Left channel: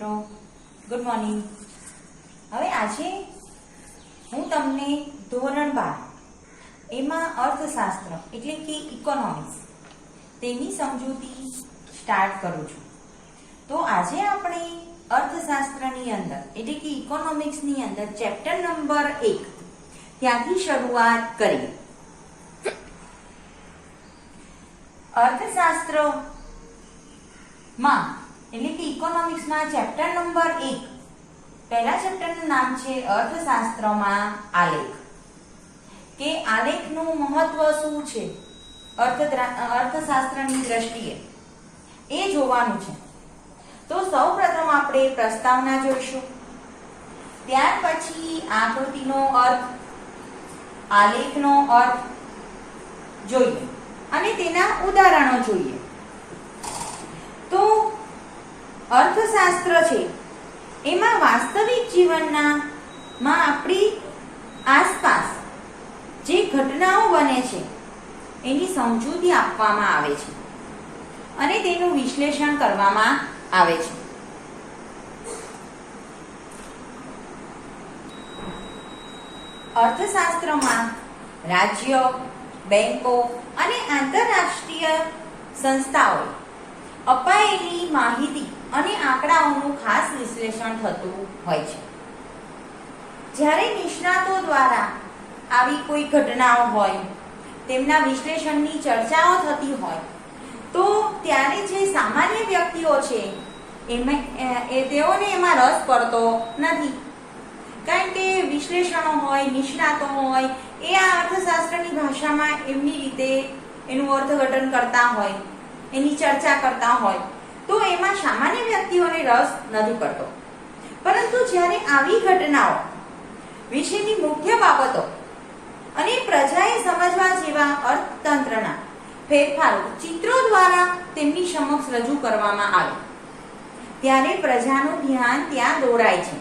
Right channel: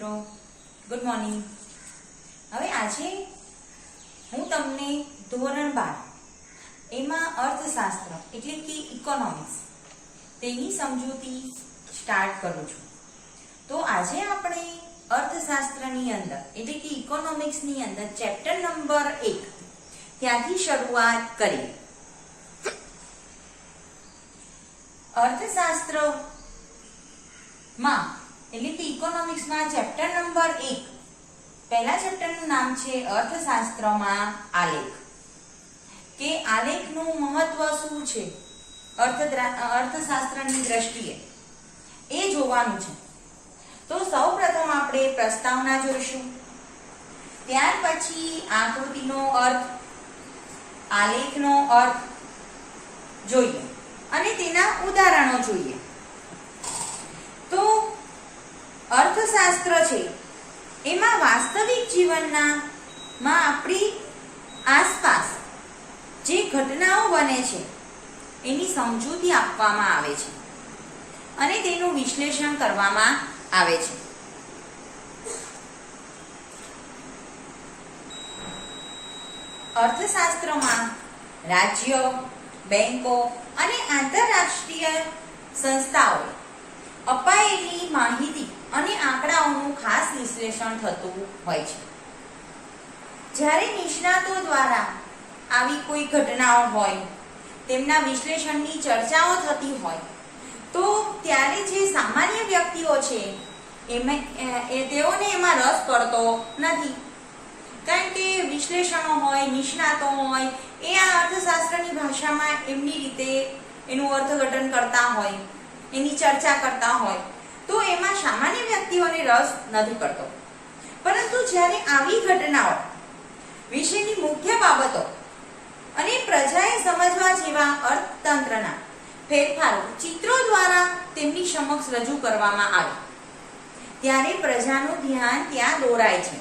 મિત્રો, good morning. હવે આજે હું તમને ધોરણ 12 એમાં અર્થશાસ્ત્ર એટલે કે ઇકોનોમિક્સ તેની સમજૂતી સ્ટાર્ટ કરું છું। તો આજે આપણે અર્થશાસ્ત્રની અંદર એટલે કે ઇકોનોમિક્સની અંદર ચેપ્ટર નંબર 1 ત્યાંથી શરૂઆત કરીએ। અર્થશાસ્ત્રમાં એટલે કે ઇકોનોમિક્સમાં ચેપ્ટર નંબર 1 પહેલા ચેપ્ટરનું નામ છે અર્થશાસ્ત્રમાં આલેખ કે આલેખનું મહત્વ શું છે અર્થશાસ્ત્રની દ્રષ્ટિએ એ જોવાનું છે। તો સૌપ્રથમ આપણે પ્રસ્તાવના જોઈશું, ત્યાર પછી આકૃતિનો અર્થ, આલેખનો અર્થ જોઈએ અને તેના ઉદાહરણો જોઈએ। તો અર્થશાસ્ત્ર છે એમાં વાસ્તવિક જીવનના આપણી આસપાસ જે ઘટનાઓ બને છે એની સમજૂતી આપવામાં આવે છે અને તેનું વિશ્લેષણ કરવામાં આવે છે। અર્થશાસ્ત્રમાં રાજ્ય, બેંકો અને આંતરરાષ્ટ્રીય સંસ્થાઓ અપાયેલી માહિતી અને આંકડાઓનું ખાસ વિશ્લેષણ થતું હોય છે। જ્યારે નિષ્ણાતો દ્વારા આવી કોઈ ઘટનાઓ હોય તેમના વિશ્લેષણની ચર્ચાઓ થતી હોય તો ત્યારે જે સામાન્ય વ્યક્તિઓ છે તેઓને એમાં રસ પડતો નથી, કારણ કે વિશ્લેષણો હોય, નિષ્ણાતો હોય એ આ અર્થશાસ્ત્રની ભાષામાં એમની રીતે એનું અર્થઘટન કરતા હોય, એની ચર્ચા કરતા હોય તો એમાં સામાન્ય વ્યક્તિઓને રસ નથી પડતો। પરંતુ જ્યારે આવી ઘટનાઓ વિશેની મુખ્ય બાબતો અને પ્રજાએ સમજવા જેવા અર્થતંત્રના ફેરફારો ચિત્રો દ્વારા તેમની સમક્ષ રજૂ કરવામાં આવે ત્યારે પ્રજાનું ધ્યાન ત્યાં દોરાય છે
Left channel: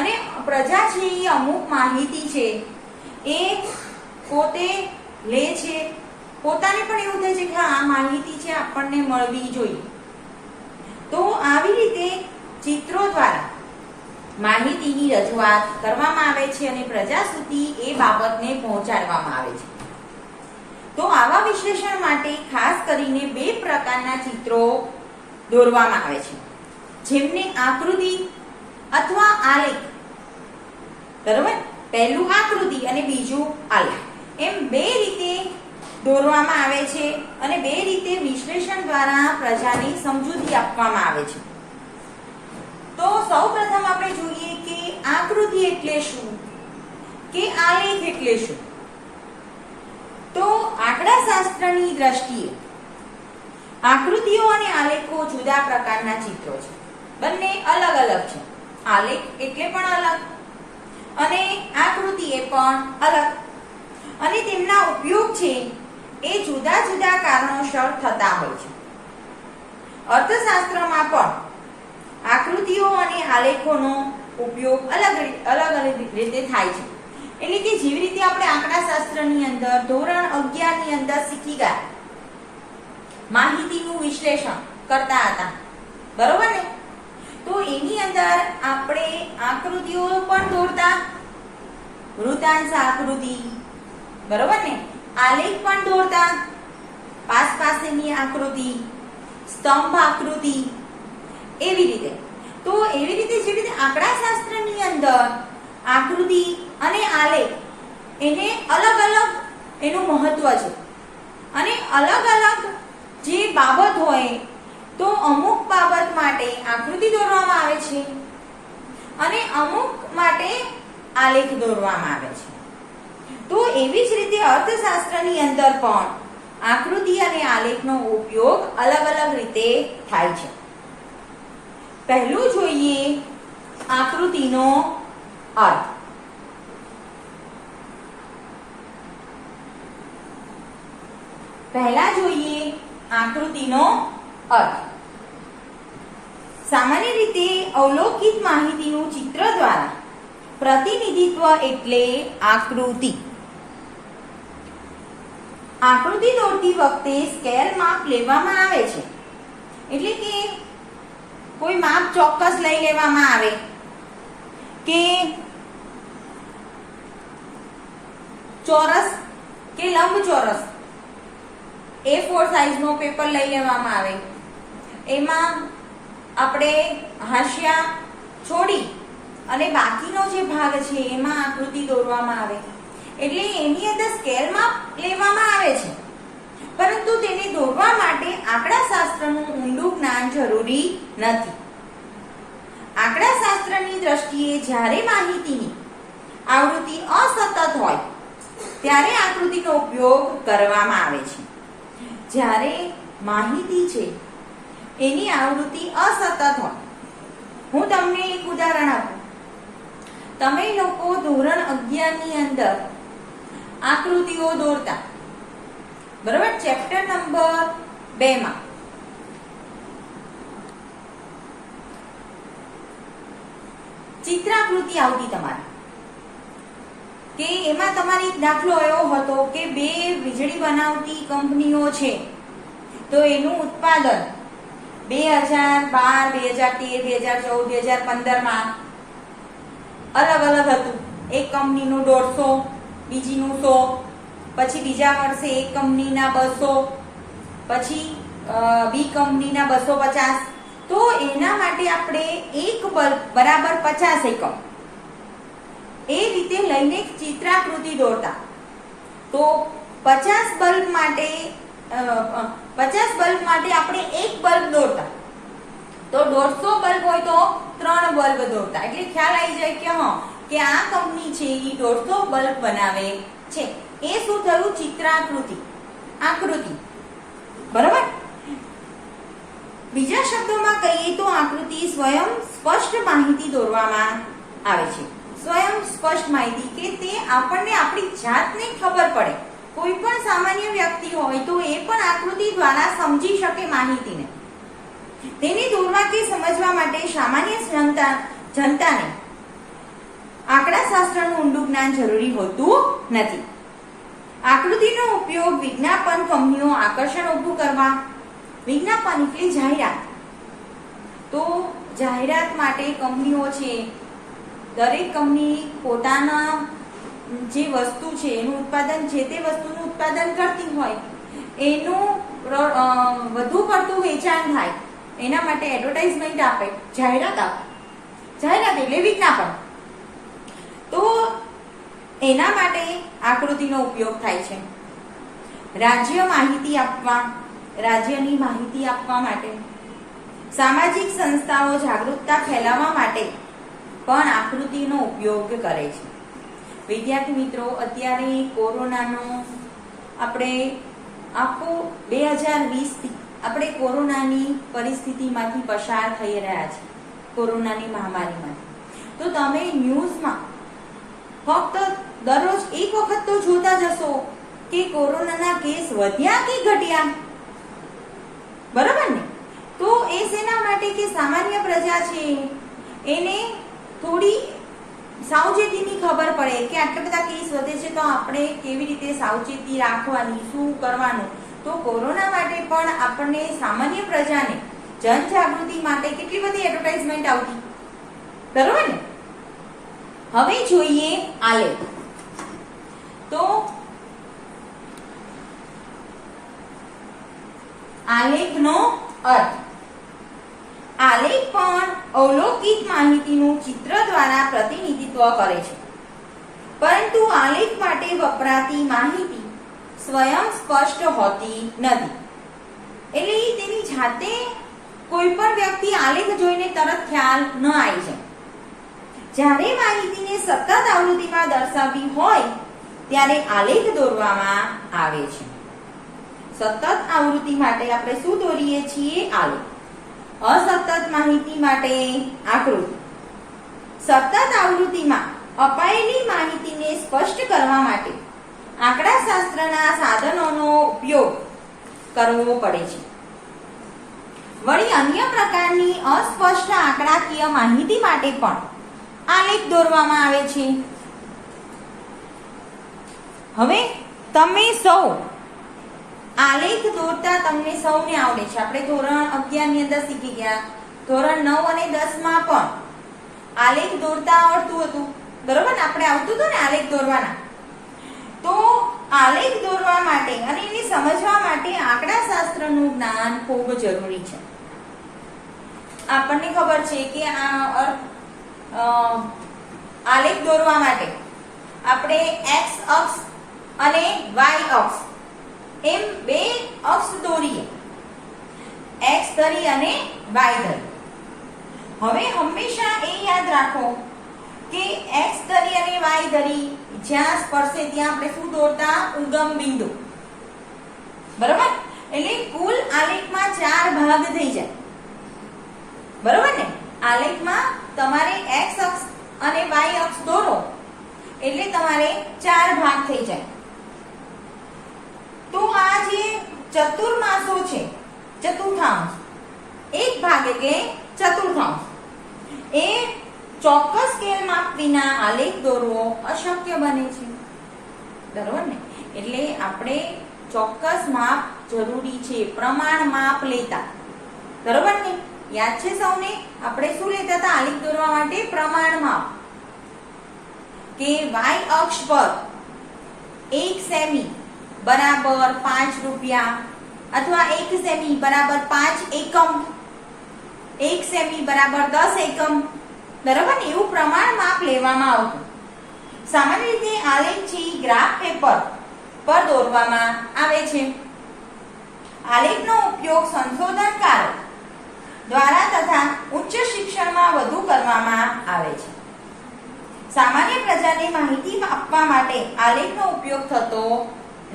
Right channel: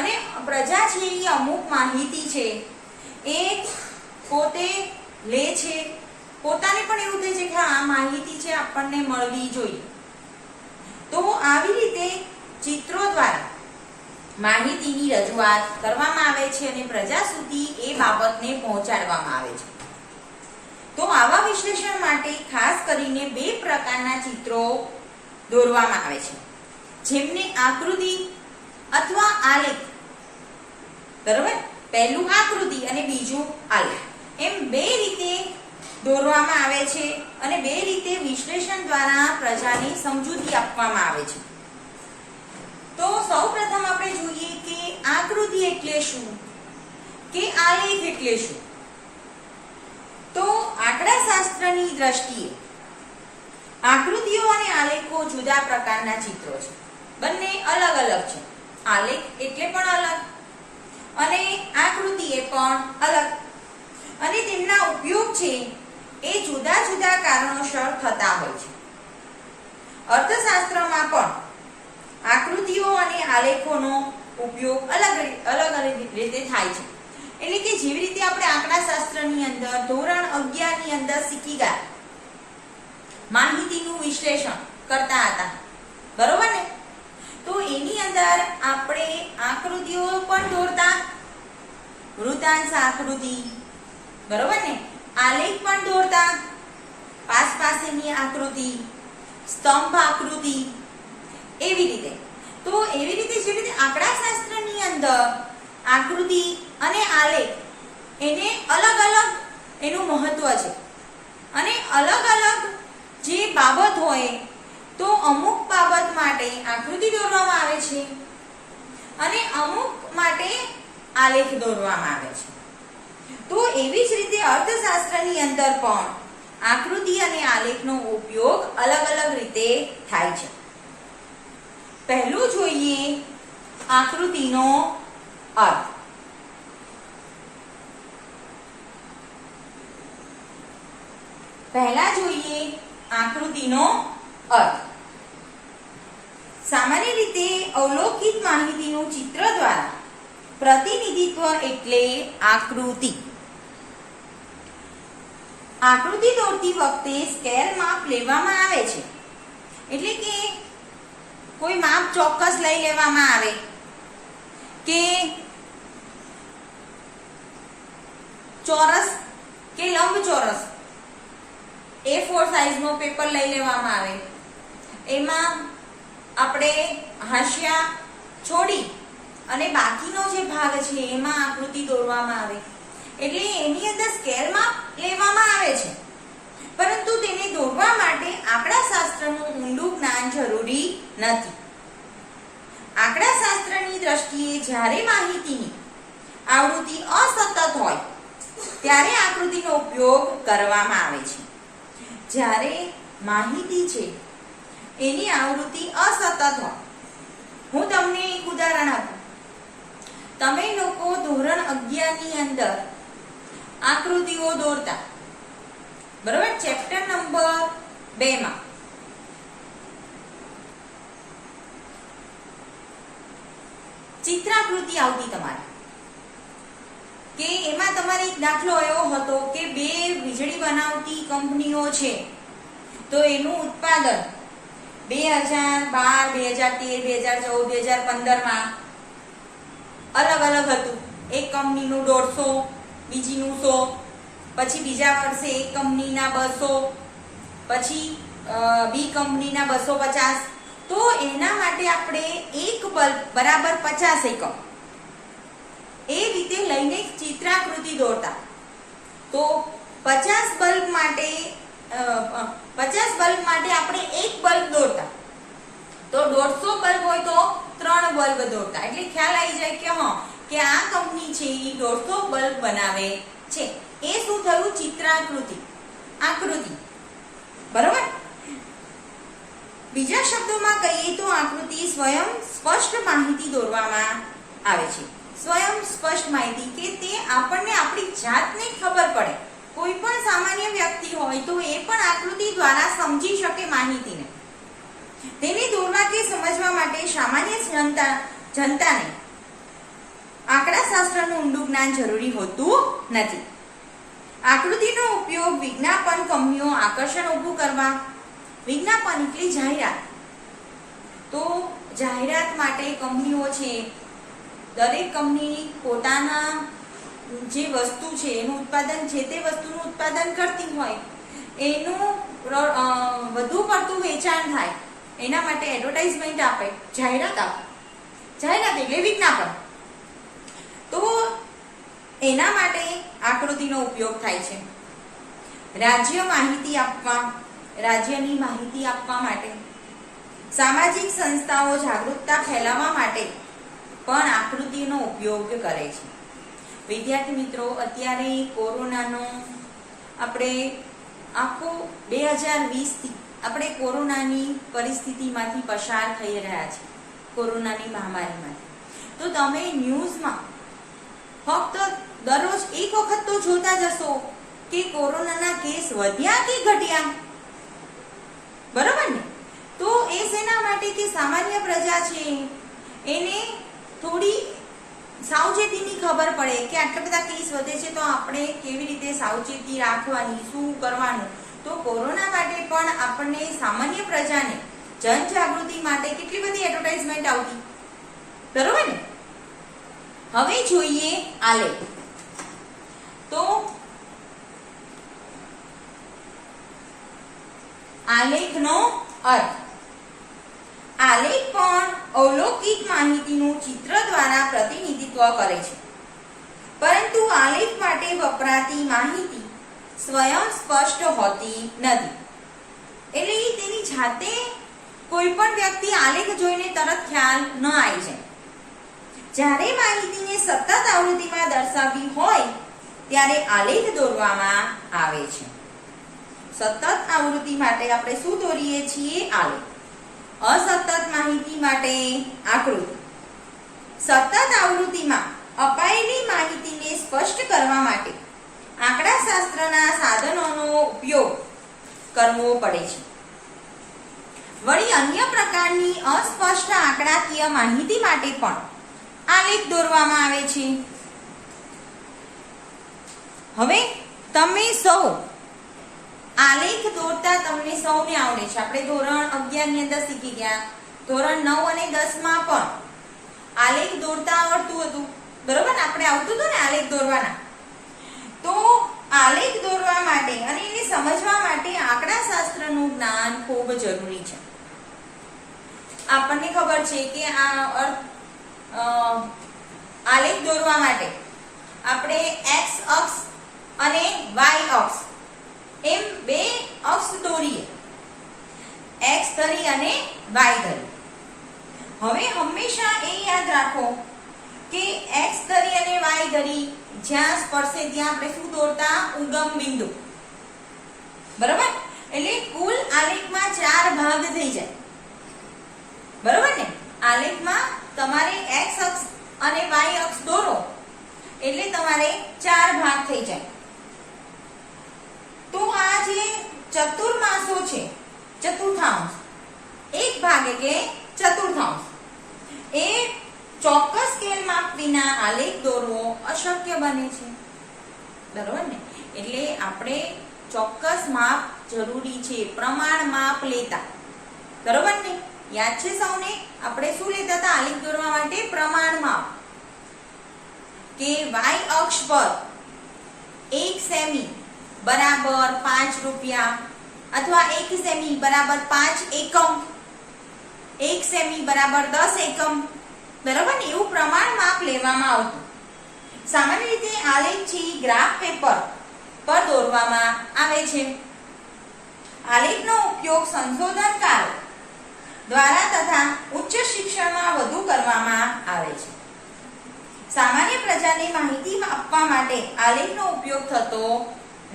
અને પ્રજા છે એ અમુક માહિતી છે એ પોતે લે છે, પોતાને પણ એવું થાય છે કે આ માહિતી છે આપણને મળવી જોઈએ। તો આવી રીતે ચિત્રો દ્વારા માહિતીની રજૂઆત કરવામાં આવે છે અને પ્રજા સુધી એ બાબતને પહોંચાડવામાં આવે છે। તો આવા વિશ્લેષણ માટે ખાસ કરીને બે પ્રકારના ચિત્રો દોરવામાં આવે છે, જેમને આકૃતિ અથવા આલેખ, બરોબર, પહેલું આકૃતિ અને બીજું આલેખ, એમ બે રીતે દોરવામાં આવે છે અને બે રીતે વિશ્લેષણ દ્વારા પ્રજાની સમજૂતી આપવામાં આવે છે। તો સૌપ્રથમ આપણે જોઈએ કે આકૃતિ એટલે શું કે આલેખ એટલે શું। તો આંકડાશાસ્ત્રની દ્રષ્ટિએ આકૃતિઓ અને આલેખો જુદા પ્રકારના ચિત્રો છે, બંને અલગ અલગ છે। આલેખ એટલે પણ અલગ અને આકૃતિ એ પણ અલગ અને તેમના ઉપયોગ છે એ જુદા જુદા કારણોસર થતા હોય છે। અર્થશાસ્ત્રમાં પણ આકૃતિઓ અને આલેખોનો ઉપયોગ અલગ રીતે થાય છે। એટલે કે જેવી રીતે આપણે આંકડાશાસ્ત્રની અંદર ધોરણ 11 ની અંદર શીખી ગયા માહિતીનું વિશ્લેષણ કરતા હતા, બરોબર ને? તો એની અંદર આપણે આકૃતિઓ પણ દોરતા, વૃત્તાંશ આકૃતિ, બરોબર ને? આલેખ પણ દોરતા, પાસેની આકૃતિ, સ્તંભ આકૃતિ, એવી રીતે। તો એવી રીતે જે રીતે આંકડાશાસ્ત્રની અંદર આકૃતિ અને આલેખ એને અલગ અલગ એનું મહત્વ છે અને અલગ અલગ જે બાબત હોય તો અમુક બાબત માટે આકૃતિ દોરવામાં આવે છે અને અમુક માટે આલેખ દોરવામાં આવે છે। તો એવી જ રીતે અર્થશાસ્ત્રની અંદર પણ આકૃતિ અને આલેખનો ઉપયોગ અલગ અલગ રીતે થાય છે। પહેલું જોઈએ આકૃતિનો અર્થ। પહેલા જોઈએ આકૃતિનો અર્થ। સામાન્ય રીતે અવલોકિત માહિતીનું ચિત્ર દ્વારા પ્રતિનિધિત્વ એટલે આકૃતિ। આકૃતિ દોરતી વખતે સ્કેલ માપ લેવામાં આવે છે, એટલે કે કોઈ માપ ચોક્કસ લઈ લેવામાં આવે કે ચોરસ કે લંબચોરસ A4 સાઈઝનો પેપર લઈ લેવામાં આવે, એમાં આપણે હાંસિયા છોડી અને બાકીનો જે ભાગ છે એમાં આકૃતિ દોરવામાં આવે, એટલે એની અંદર સ્કેલ માપ લેવામાં આવે છે, પરંતુ તેને દોરવા માટે આંકડાશાસ્ત્રનું ઊંડું જ્ઞાન જરૂરી નથી. આંકડાશાસ્ત્રની દ્રષ્ટિએ જ્યારે માહિતીની આવૃત્તિ અસતત હોય ત્યારે આકૃતિનો ઉપયોગ કરવામાં આવે છે. જ્યારે માહિતી છે એની આવૃત્તિ અસતત હોય, હું તમને એક ઉદાહરણ આપું. તમે લોકો ધોરણ 11 ની અંદર આકૃતિઓ દોરતા, બરાબર, ચેપ્ટર નંબર 2 માં ચિત્રાકૃતિ આવતી તમારે, કે એમાં તમારે એક દાખલો એવો હતો કે 2 વીજળી બનાવતી કંપનીઓ છે, તો એનું ઉત્પાદન 2012, 2013, 2014, 2015 માં અલગ અલગ હતું. એક કંપનીનું 150, બીજીનું 100, પછી બીજા વર્ષે એક કંપનીના 200, પછી બી કંપનીના 250. તો એના માટે આપણે એક બલ્બ બરાબર 50 એકમ એ રીતે લઈને ચિત્રાકૃતિ દોરતા. તો 50 બલ્બ માટે આપણે એક બલ્બ દોરતા, તો 150 બલ્બ હોય તો 3 બલ્બ દોરતા, એટલે ખ્યાલ આવી જાય કે હા કે આ કંપની છે એ 150 બલ્બ બનાવે છે. એ શું થયું? ચિત્રાકૃતિ, આકૃતિ, બરાબર. બીજા શબ્દોમાં કહીએ તો આકૃતિ સ્વયં સ્પષ્ટ માહિતી દોરવામાં આવે છે. સ્વયં સ્પષ્ટ માહિતી કે તે આપણને આપણી જાતને ખબર પડે. કોઈ પણ સામાન્ય વ્યક્તિ હોય તો એ પણ આકૃતિ દ્વારા સમજી શકે માહિતીને. તેને દોરવા કે સમજવા માટે સામાન્ય જનતાને આંકડાશાસ્ત્રનું ઊંડું જ્ઞાન જરૂરી હોતું નથી. આકૃતિનો ઉપયોગ વિજ્ઞાપન કંપનીઓ આકર્ષણ ઊભું કરવા, વિજ્ઞાપન એટલે જાહેરાત, તો જાહેરાત માટે કંપનીઓ છે, દરેક કંપની પોતાના જે વસ્તુ છે એનું ઉત્પાદન, જે તે વસ્તુનું ઉત્પાદન કરતી હોય એનું વધુ પડતું વેચાણ થાય એના માટે એડવર્ટાઇઝમેન્ટ આપે, જાહેરાત આપે. જાહેરાત એટલે વિજ્ઞાપન. તો એના માટે આકૃતિનો ઉપયોગ થાય છે. રાજ્યની માહિતી આપવા માટે, સામાજિક સંસ્થાઓ જાગૃતતા ફેલાવવા માટે પણ આકૃતિનો ઉપયોગ કરે છે. વિદ્યાર્થી મિત્રો, અત્યારે કોરોનાનો આપણે આખો 2020 થી આપણે કોરોનાની પરિસ્થિતિમાંથી પસાર થઈ રહ્યા છીએ, કોરોનાની મહામારીમાંથી. તો તમે ન્યૂઝમાં ફક્ત દરરોજ એક વખત તો જોતા જશો કે કોરોનાના કેસ વધ્યા કે ઘટ્યા, બરાબર ને? તો એ શેના માટે કે સામાન્ય પ્રજા છે એને થોડી સાવચેતીની ખબર પડે કે આટલા બધા કેસ વધે છે તો આપણે કેવી રીતે સાવચેતી રાખવાની, શું કરવાનું. તો કોરોના માટે પણ આપણને સામાન્ય પ્રજાને જનજાગૃતિ માટે કેટલી બધી એડવર્ટાઇઝમેન્ટ આવતી, બરોબર ને? હવે જોઈએ આલેખ. તો આલેખનો અર્થ. આલેખ પણ અવલોકિત માહિતીનું ચિત્ર દ્વારા પ્રતિનિધિત્વ કરે છે, પરંતુ આલેખ માટે વપરાતી માહિતી સ્વયં સ્પષ્ટ હોતી નથી. એટલે તેની જાતે કોઈ પણ વ્યક્તિ આલેખ જોઈને તરત ખ્યાલ ન આવી જાય. જ્યારે માહિતીને સતત આવૃત્તિમાં દર્શાવવી હોય ત્યારે આલેખ દોરવામાં આવે છે. સતત આવૃત્તિ માટે આપણે શું દોરીએ છીએ? આલેખ. અસતત માહિતી માટે આકૃતિ. સતત આવૃત્તિમાં અપાયેલી માહિતીને સ્પષ્ટ કરવા માટે આંકડાશાસ્ત્રના સાધનોનો ઉપયોગ કરવો પડે છે. વળી અન્ય પ્રકારની અસ્પષ્ટ આંકડાકીય માહિતી માટે પણ આલેખ દોરવામાં આવે છે. હવે તમે સૌ આલેખ દોરતા તમને સૌને આવડે છે. આપણે ધોરણ 11 ની અંદર શીખી ગયા. ધોરણ 9 અને 10 માં પણ આલેખ દોરતા આવડતું હતું, બરોબર ને? આપણે આવતું હતું ને આલેખ દોરવાના. તો આલેખ દોરવા માટે અને એને સમજવા માટે આંકડા શાસ્ત્રનું જ્ઞાન ખૂબ જરૂરી છે. આપણને ખબર છે કે આલેખ દોરવા માટે આપણે x અક્ષ અને y અક્ષ એમ બે અક્ષ દોરીએ, x ધરી અને y ધરી. હવે હંમેશા એ યાદ રાખો કે x ધરી અને y ધરી જ્યાં સ્પર્શે ત્યાં આપણે શું દોરતા? ઉગમ બિંદુ, બરોબર? એટલે કુલ આલેખમાં 4 ભાગ થઈ જાય, બરોબર ને? આલેખમાં તમારે x અક્ષ અને y અક્ષ દોરો એટલે તમારે 4 ભાગ થઈ જાય. તો આ જે ચતુર્માસો છે, ચતુર્થાંશ, એક ભાગ એટલે ચતુર્થાંશ, એ ચોક્કસ સ્કેલ માપ વિના આલેખ દોરવો અશક્ય બને છે, બરોબર ને? એટલે આપણે ચોક્કસ માપ જરૂરી છે, પ્રમાણ માપ લેતા, બરોબર ને? યાદ છે સૌને? આપણે શું લેતા હતા આલેખ દોરવા માટે? પ્રમાણ માપ. કે y અક્ષ પર 1 સેમી બરાબર 5 રૂપિયા અથવા 1 સેમી બરાબર 5 એકમ, 1 સેમી બરાબર 10 એકમ, બરાબર ને? એવું પ્રમાણ માપ લેવામાં આવતું. સામાન્ય રીતે આલેખ છે ગ્રાફ પેપર પર દોરવામાં આવે છે. આલેખનો ઉપયોગ સંશોધનકારો દ્વારા તથા ઉચ્ચ શિક્ષણમાં વધુ કરવામાં આવે છે. સામાન્ય પ્રજાને માહિતી આપવા માટે આલેખનો ઉપયોગ થતો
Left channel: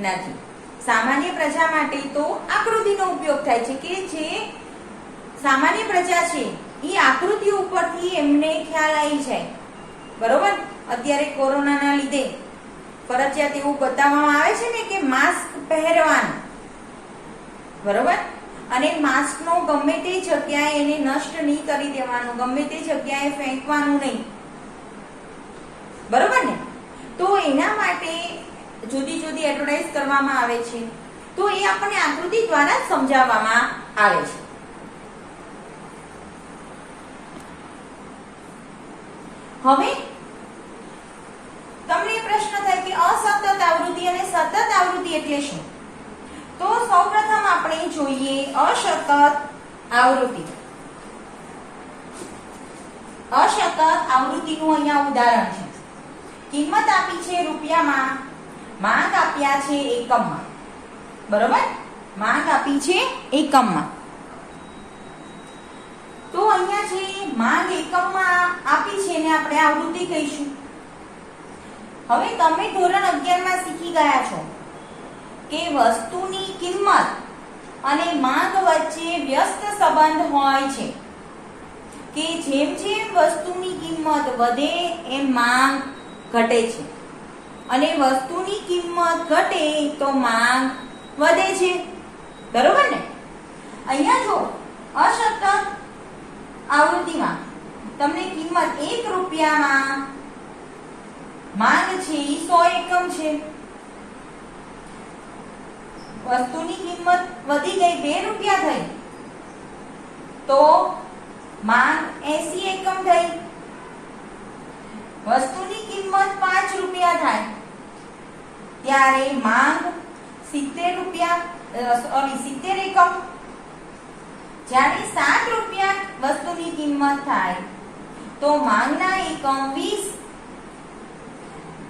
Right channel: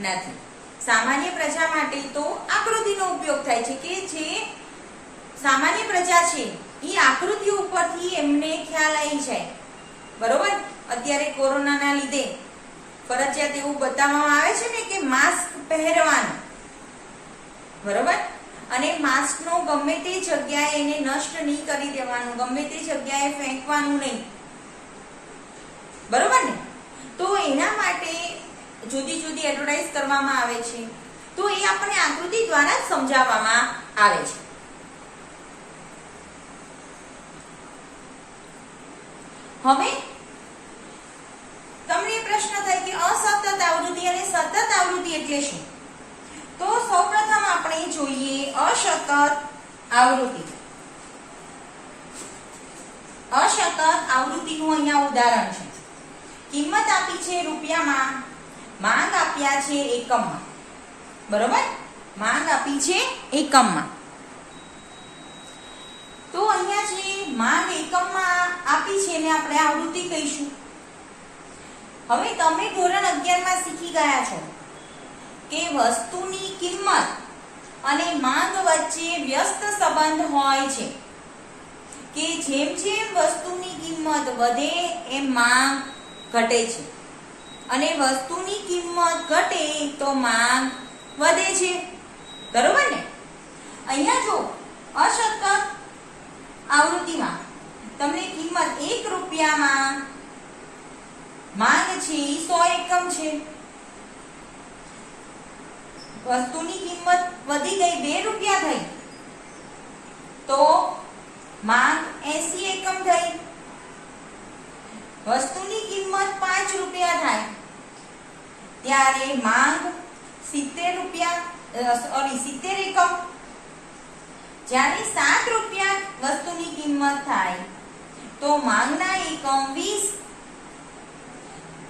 નથી. સામાન્ય પ્રજા માટે તો આકૃતિનો ઉપયોગ થાય છે, કે જે સામાન્ય પ્રજા છે એ આકૃતિ ઉપરથી એમને ખ્યાલ આવી જાય, બરોબર? અત્યારે કોરોનાના લીધે ફરજિયાત એવું બતાવવામાં આવે છે ને કે માસ્ક પહેરવાનું, બરોબર? અને માસ્કનો ગમે તે જગ્યાએ એને નષ્ટ નહીં કરી દેવાનું, ગમે તે જગ્યાએ ફેંકવાનું નહીં, બરોબર ને? તો એના માટે જુદી જુદી એડવર્ટાઇઝ કરવામાં આવે છે. તો એ આપણને આકૃતિ દ્વારા જ સમજાવવામાં આવે છે. હવે તમને પ્રશ્ન થાય કે અસતત આવૃત્તિ અને સતત આવૃત્તિ એટલે શું? તો સૌપ્રથમ આપણે જોઈએ અસતત આવૃત્તિ. અસતત આવૃત્તિનું અહીંયા ઉદાહરણ છે. કિંમત આપી છે રૂપિયામાં, માંગ આપ્યા છે એકમમાં, બરોબર? માંગ આપી છે એકમમાં. તો અહીંયા જે માંગ એકમમાં આપી છે એને આપણે આવૃત્તિ કહીશું. હવે તમે ધોરણ 11 માં શીખી ગયા છો કે વસ્તુની કિંમત અને માંગ વચ્ચે વ્યસ્ત સંબંધ હોય છે, કે જેમ જેમ વસ્તુની કિંમત વધે એમ માંગ ઘટે છે, અને વસ્તુની કિંમત ઘટે તો માંગ વધે છે, બરોબર ને? અહીંયા જો અસતત આવૃત્તિમાં તમને કિંમત 1 રૂપિયામાં માંગ છે 100 એકમ છે, વસ્તુની કિંમત વધી ગઈ 2 રૂપિયા થઈ તો માંગ 80 એકમ થઈ. વસ્તુની કિંમત 5 રૂપિયા થાય ત્યારે માંગ 70 એકમ. જ્યારે 7 રૂપિયા વસ્તુની કિંમત થાય તો માંગના એકમ 20.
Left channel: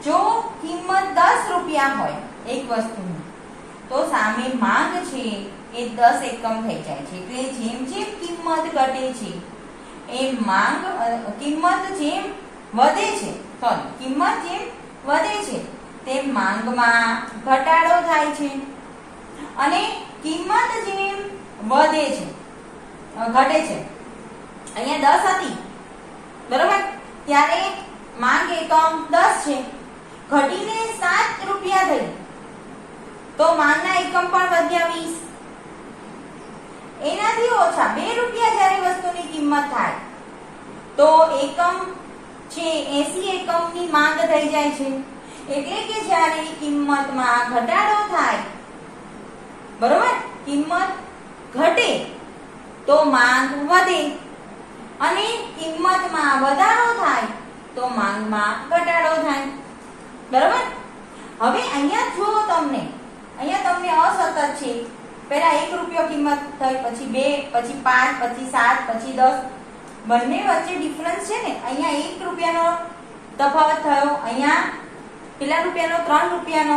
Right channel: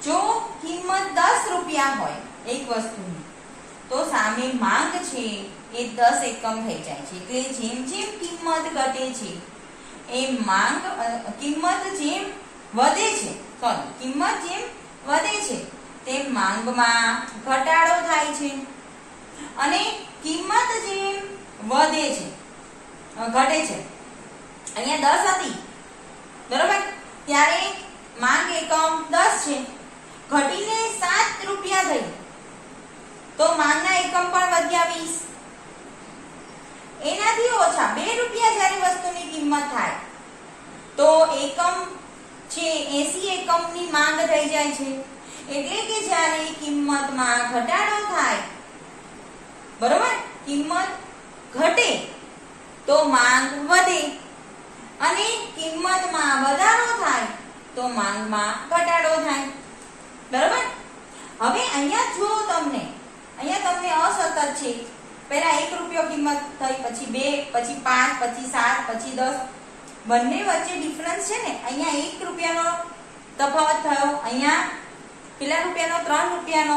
જો કિંમત 10 રૂપિયા હોય એક વસ્તુની તો સામે માંગ છે એ 10 એકમ થઈ જાય છે. એટલે જેમ જેમ કિંમત ઘટે છે એમ કિંમત જેમ વધે છે તેમ માંગમાં ઘટાડો થાય છે, અને કિંમત જેમ વધે છે ઘટે છે. અહીંયા 10 હતી, બરોબર? ત્યારે માંગ એકમ 10 છે, ઘટીને 7 રૂપિયા થઈ તો માંગના એકમ પણ વધ્યા 20. એનાથી ઓછા 2 રૂપિયા જ્યારે વસ્તુની કિંમત થાય તો એકમ છે 80 એકમની માંગ થઈ જાય છે. એટલે કે જ્યારે કિંમતમાં ઘટાડો થાય, બરોબર, કિંમત ઘટે તો માંગ વધે, અને કિંમતમાં વધારો થાય તો માંગમાં ઘટાડો થાય. બરાબર. હવે અહીંયા જો તમને અસતત છે. પહેલા 1 રૂપિયો કિંમત થઈ, પછી 2, પછી 5, પછી 7, પછી 10. બંને વચ્ચે ડિફરન્સ છે ને. અહીંયા 1 રૂપિયાનો તફાવત થયો, અહીંયા પેલા રૂપિયાનો 3 રૂપિયાનો,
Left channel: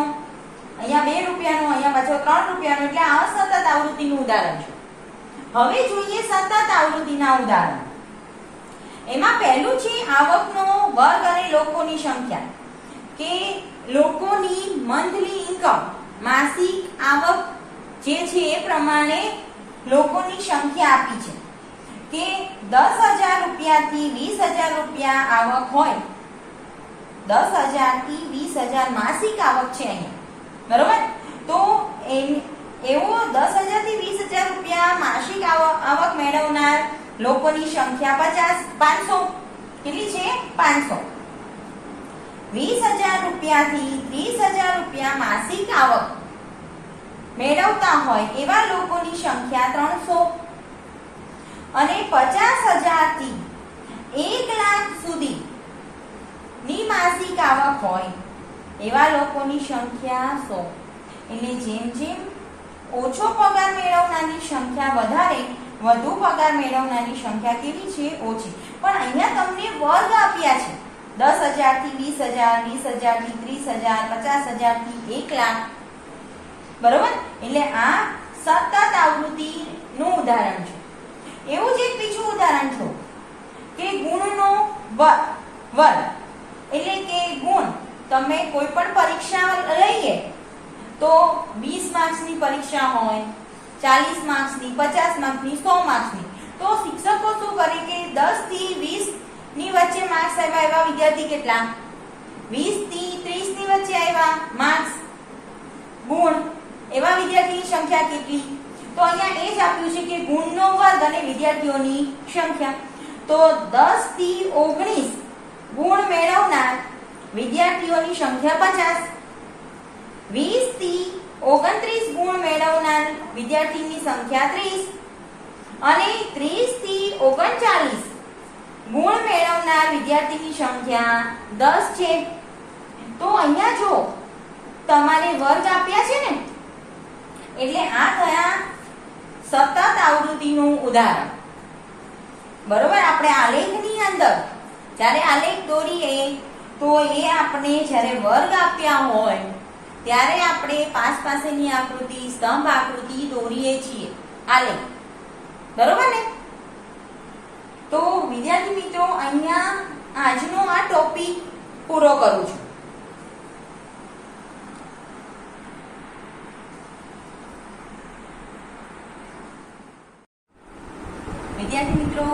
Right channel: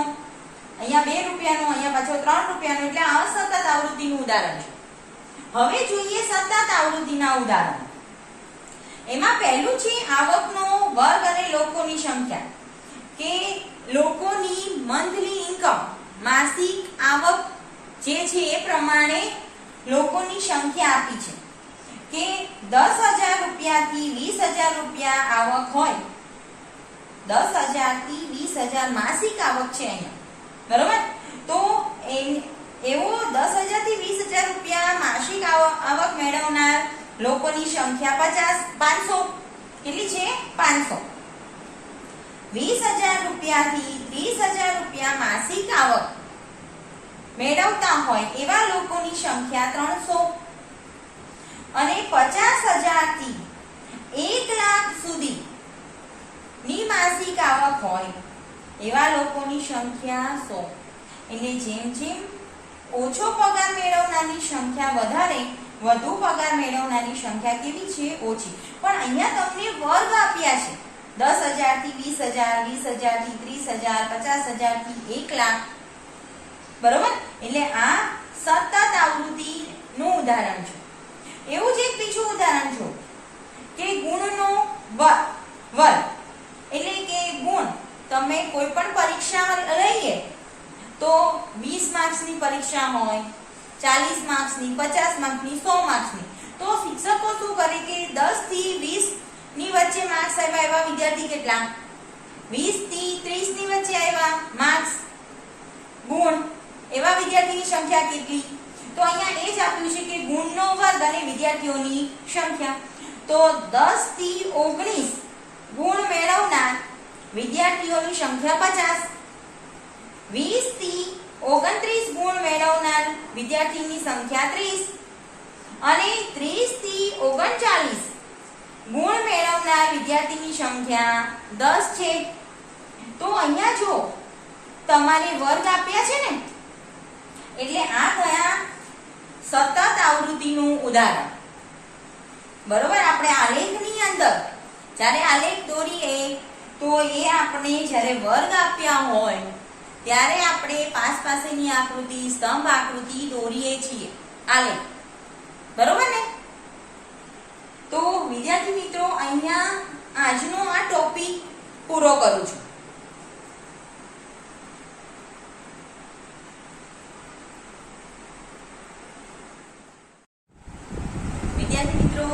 અહીંયા 2 રૂપિયાનો, અહીંયા પાછો 3 રૂપિયાનો. એટલે આ અસતત આવૃત્તિનું ઉદાહરણ છે. હવે જોઈએ સતત આવૃત્તિના ઉદાહરણ. એમાં પહેલું છે આવકનો વર્ગ અને લોકોની સંખ્યા. કે લોકોની મંથલી ઇન્કમ, માસિક આવક જે છે એ પ્રમાણે લોકોની સંખ્યા આપી છે. કે 10,000 રૂપિયાથી 20,000 રૂપિયા આવક હોય, 10,000 થી 20,000 માસિક આવક છે અહીંયા. બરોબર. તો એવો 10,000 થી 20,000 રૂપિયા માસિક આવક મેળવનાર લોકોની સંખ્યા 500. કેટલી છે? 500. 20,000 રૂપિયાથી 30,000 રૂપિયા માસિક આવક મેળવતા હોય એવા લોકોની સંખ્યા 300. અને 50,000 થી 1 લાખ સુધી ની માસિક આવક હોય એવા લોકોની સંખ્યા 100. એટલે જેમ જેમ ઓછો પગાર મેળવનારની સંખ્યા વધારે, વધુ પગાર મેળવનારની સંખ્યા કેવી છે? ઓછી. પણ અહીંયા તમને વર્ગ આપ્યા છે. 10,000 થી 20,000, 20,000 થી 30,000, 50,000 થી 1 લાખ. બરોબર. એટલે આ સતત આવૃત્તિનું ઉદાહરણ છે. એવું જ એક બીજું ઉદાહરણ છે કે ગુણનો વર્ગ. એટલે કે ગુણ તમે કોઈ પણ પરીક્ષા લઈએ તો 20 માર્ક્સની પરીક્ષા હોય, 40 માર્ક્સની, 50 માર્ક્સની, 100 માર્ક્સની, તો શિક્ષકો શું કરે કે 10 થી 20 ની વચ્ચે માર્ક્સ આવ્યા એવા વિદ્યાર્થી કેટલા, 20 થી 30 ની વચ્ચે આવ્યા માર્ક્સ ગુણ એવા વિદ્યાર્થીની સંખ્યા કેટલી? તો અહીંયા એ જ આપ્યું છે કે ગુણનો વર્ગ અને વિદ્યાર્થીઓની સંખ્યા. તો 10 થી 19 ગુણ મેળવનાર વિદ્યાર્થીઓની સંખ્યા 50. 20 થી 29 ગુણ મેળવનાર વિદ્યાર્થીની સંખ્યા 30. અને 30 થી 39 ગુણ મેળવનાર વિદ્યાર્થીની સંખ્યા 10 છે. તો અહીંયા જો તમારે વર્ગ આપ્યા છે ને, એટલે આ થયા સતત આવૃત્તિનું ઉદાહરણ. બરોબર. આપણે આલેખની અંદર જ્યારે આલેખ દોરીએ તો એ આપણે જ્યારે વર્ગ આપ્યા હોય ત્યારે આપણે પાસેની આકૃતિ, સ્તંભ આકૃતિ દોરીએ છીએ આલેખ. બરોબર ને? તો વિદ્યાર્થી મિત્રો, અહીંયા આજનો આ ટોપિક પૂરો કરું છું. વિદ્યાર્થી મિત્રો,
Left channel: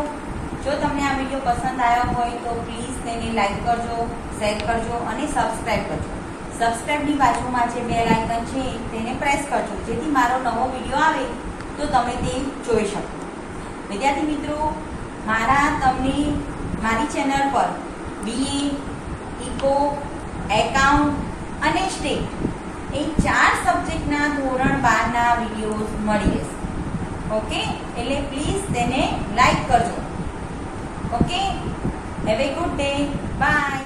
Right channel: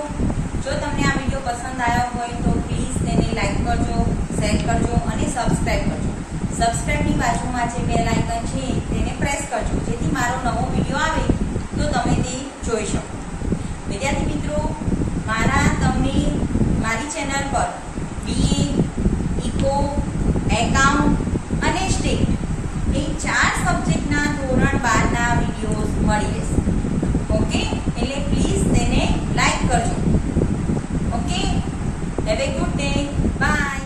જો તમને આ વિડીયો પસંદ આવ્યો હોય તો પ્લીઝ તેને લાઈક કરજો, શેર કરજો અને સબસ્ક્રાઇબ કરજો. સબસ્ક્રાઇબની બાજુમાં જે બેલ આઇકન છે તેને પ્રેસ કરજો, જેથી મારો નવો વિડીયો આવે તો તમે તે જોઈ શકો. વિદ્યાર્થી મિત્રો, મારી ચેનલ પર BA, ઇકો, એકાઉન્ટ અને સ્ટેટ એ 4 સબ્જેક્ટના ધોરણ 12ના વિડીયોઝ મળી રહેશે. ઓકે. એટલે પ્લીઝ તેને લાઈક કરજો. Okay. Have a good day. By.